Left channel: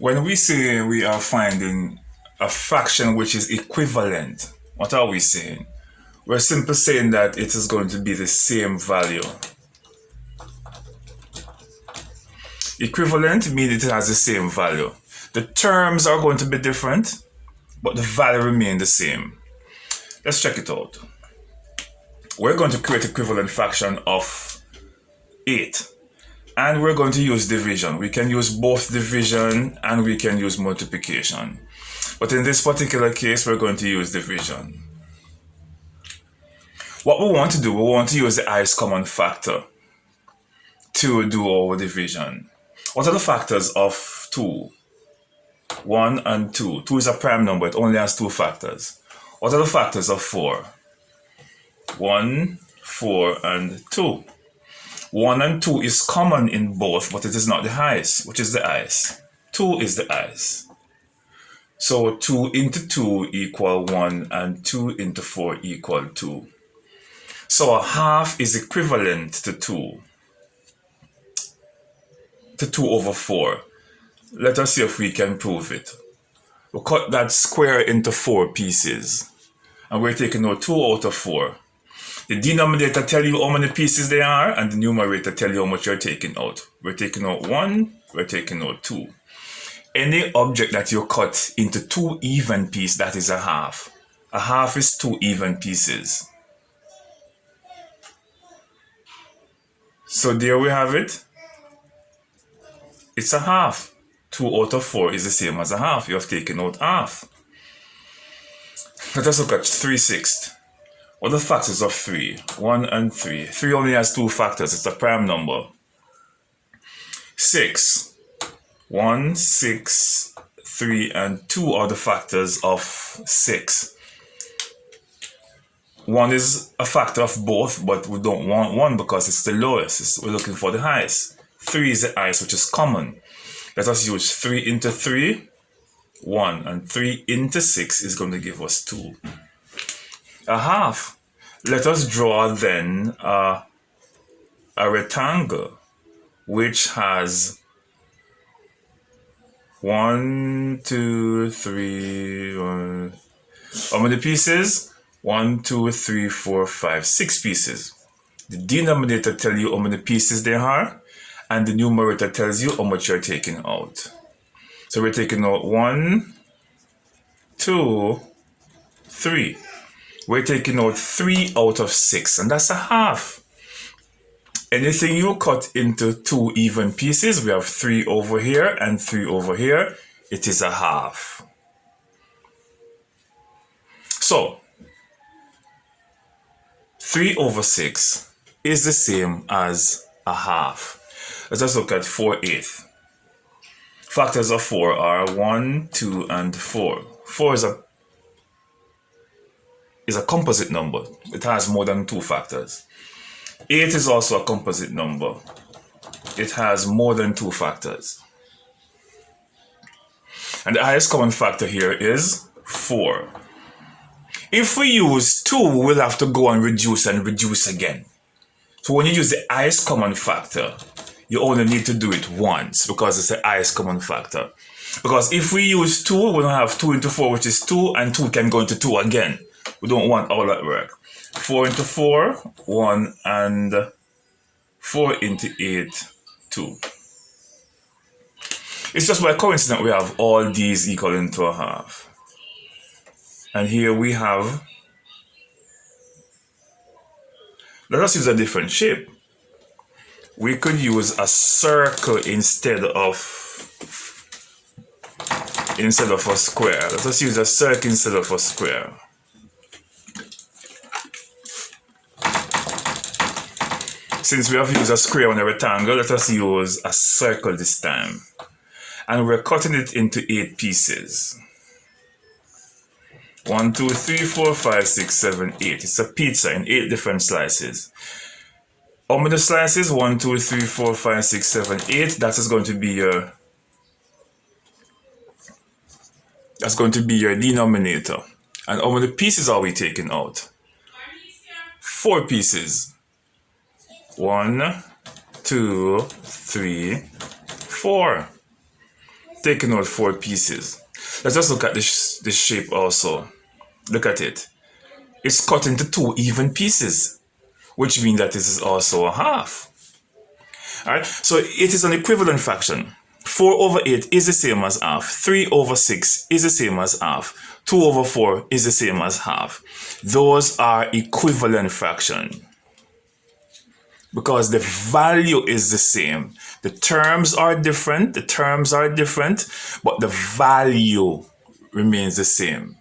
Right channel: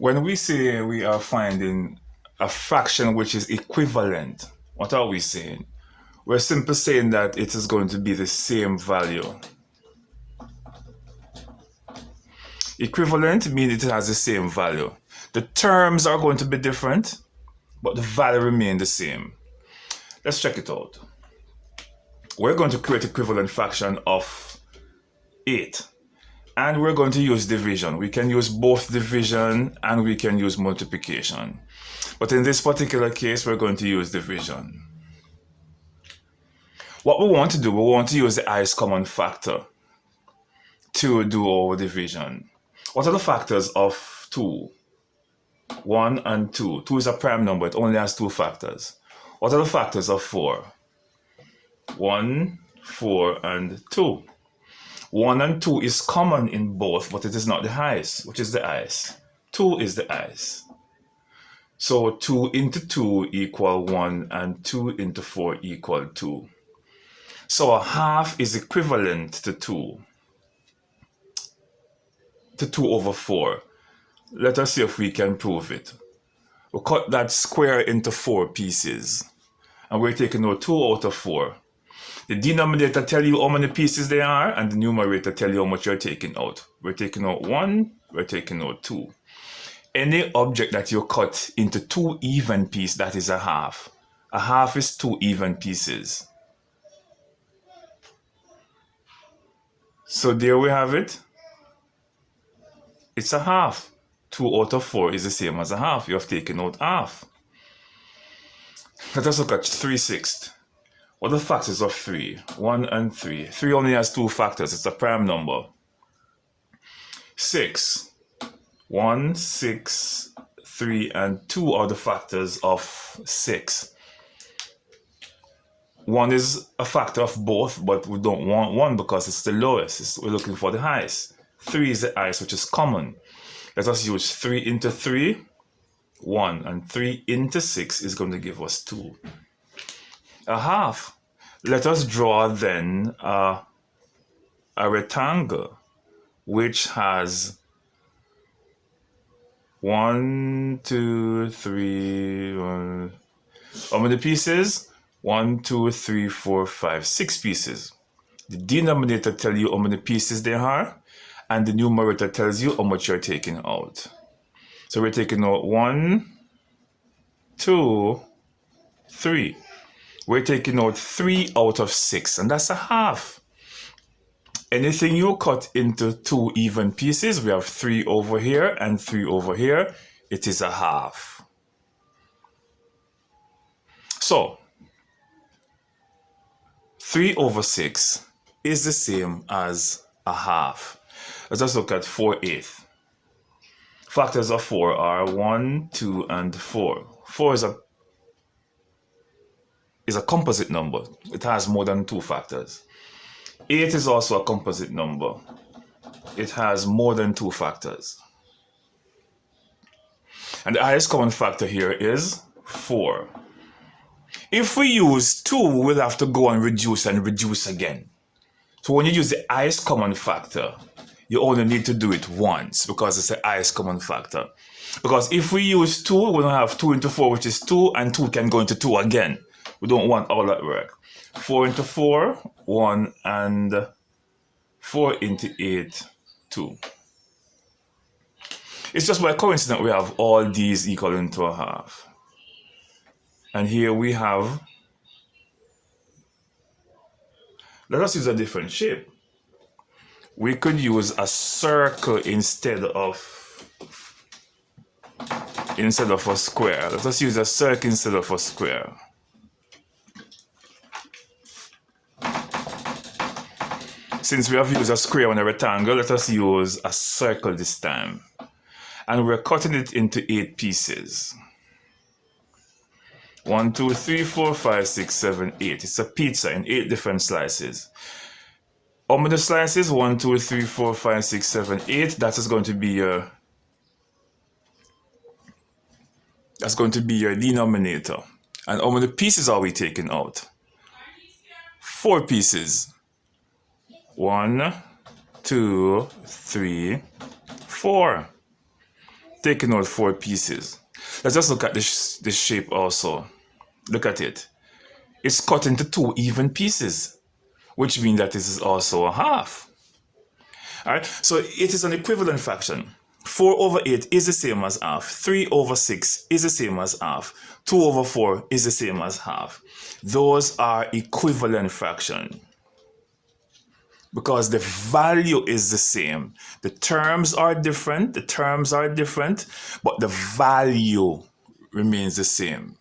When we say we are finding a fraction which is equivalent, what are we saying? We're simply saying that it is going to be the same value. Equivalent means it has the same value. The terms are going to be different, but the value remains the same. Let's check it out. We're going to create equivalent fraction of 8. And we're going to use division. We can use both division and we can use multiplication. But in this particular case, we're going to use division. What we want to do, we want to use the highest common factor to do our division. What are the factors of 2? 1 and 2. 2 is a prime number, it only has 2 factors. What are the factors of 4? 1, 4, and 2. 1 and 2 is common in both, but it is not the highest. Which is the highest? 2 is the highest. So 2 into 2 equal 1 and 2 into 4 equal 2. So a half is equivalent to 2 over 4. Let us see if we can prove it. We'll cut that square into 4 pieces. And we're taking out 2 out of 4. The denominator tell you how many pieces there are, and the numerator tell you how much you're taking out. We're taking out 1, we're taking out 2. Any object that you cut into 2 even pieces, that is a half. A half is 2 even pieces. So there we have it. It's a half. 2 out of 4 is the same as a half. You have taken out half. Let us look at 3/6. What are the factors of 3? 1 and 3. 3 only has 2 factors. It's a prime number. 6. 1, 6, 3, and 2 are the factors of 6. 1 is a factor of both, but we don't want 1 because it's the lowest. We're looking for the highest. 3 is the highest, which is common. Let us use 3 into 3, 1, and 3 into 6 is going to give us 2. A half. Let us draw then a rectangle which has 1, 2, 3, 1. How many pieces? 1, 2, 3, 4, 5, 6 pieces. The denominator tells you how many pieces there are, and the numerator tells you how much you're taking out. So we're taking out 1, 2, 3. We're taking out 3 out of 6, and that's a half. Anything you cut into 2 even pieces, we have 3 over here and 3 over here, it is a half. So, 3 over 6 is the same as a half. Let us look at 4/8. Factors of 4 are 1, 2, and 4. 4 is a composite number. It has more than 2 factors. 8 is also a composite number. It has more than 2 factors. And the highest common factor here is 4. If we use 2, we'll have to go and reduce again. So when you use the highest common factor, you only need to do it once because it's the highest common factor. Because if we use 2, we're going to have 2 into 4, which is 2, and 2 can go into 2 again. We don't want all that work. 4 into 4, 1, and 4 into 8, 2. It's just by coincidence we have all these equal into a half. And here we have, let us use a different shape. We could use a circle instead of a square. Let us use a circle instead of a square. Since we have used a square and a rectangle, let us use a circle this time. And we're cutting it into 8 pieces. 1, 2, 3, 4, 5, 6, 7, 8. It's a pizza in 8 different slices. How many slices? 1, 2, 3, 4, 5, 6, 7, 8. That is going to be your denominator. And how many pieces are we taking out? 4 pieces. 1, 2, 3, 4. taking out 4 pieces. Let's just look at this shape also. Look at it. It's cut into 2 even pieces, which means that this is also a half. Alright, so it is an equivalent fraction. 4 over 8 is the same as half. 3 over 6 is the same as half. 2 over 4 is the same as half. Those are equivalent fractions because the value is the same. The terms are different, but the value remains the same.